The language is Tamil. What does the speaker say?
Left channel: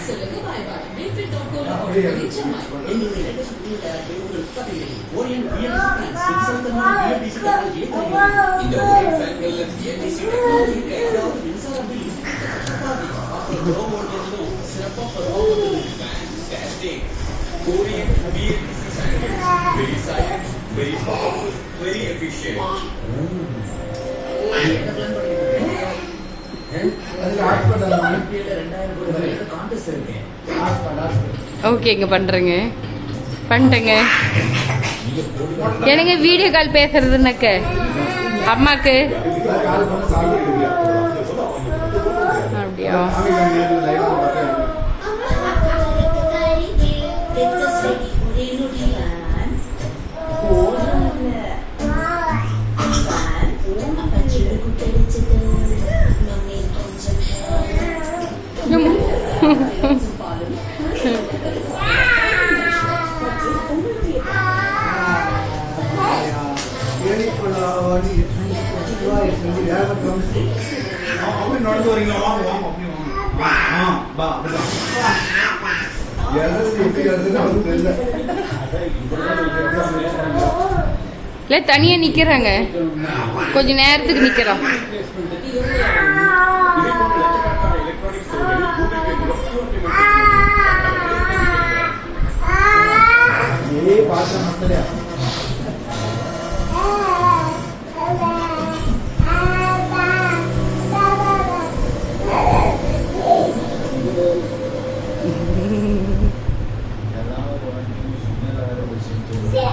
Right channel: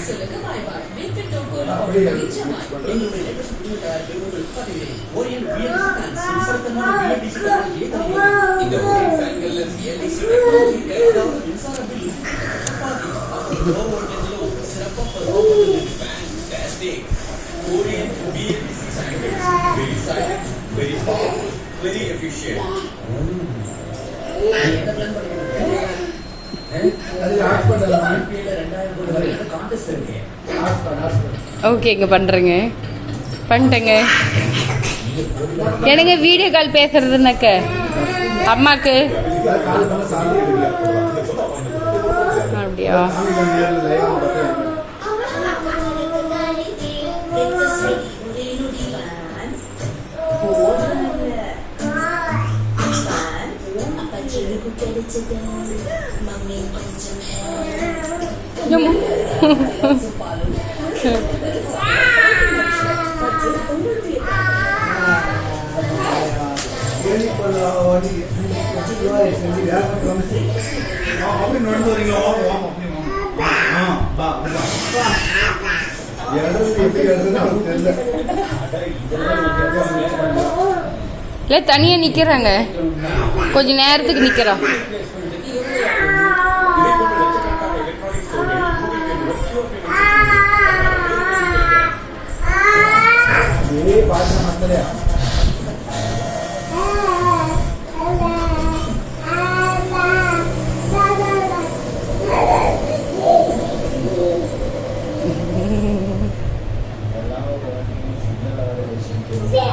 பாய் வா இந்த ஒரே ஃபேன்கள்ல ஏபிசி டெக்னாலஜி அதாவது மின்சார பில் லோ வோல்டேஜ்ல சிறப்பா பெர்ஃபார்ம் பண்ணுது fantastic Korean BLDC sandals very silent very powerful very efficient ஓகேங்க பண்ணுறேங்க பண்ணிட்டேங்க எனக்கு வீடியோ கால் பேசுறதுனாக்க அம்மாக்கு? அப்படியா? கொஞ்சம் இல்லை தனியாக நிற்கிறாங்க கொஞ்ச நேரத்துக்கு நிற்கிறோம் 得了。Yeah.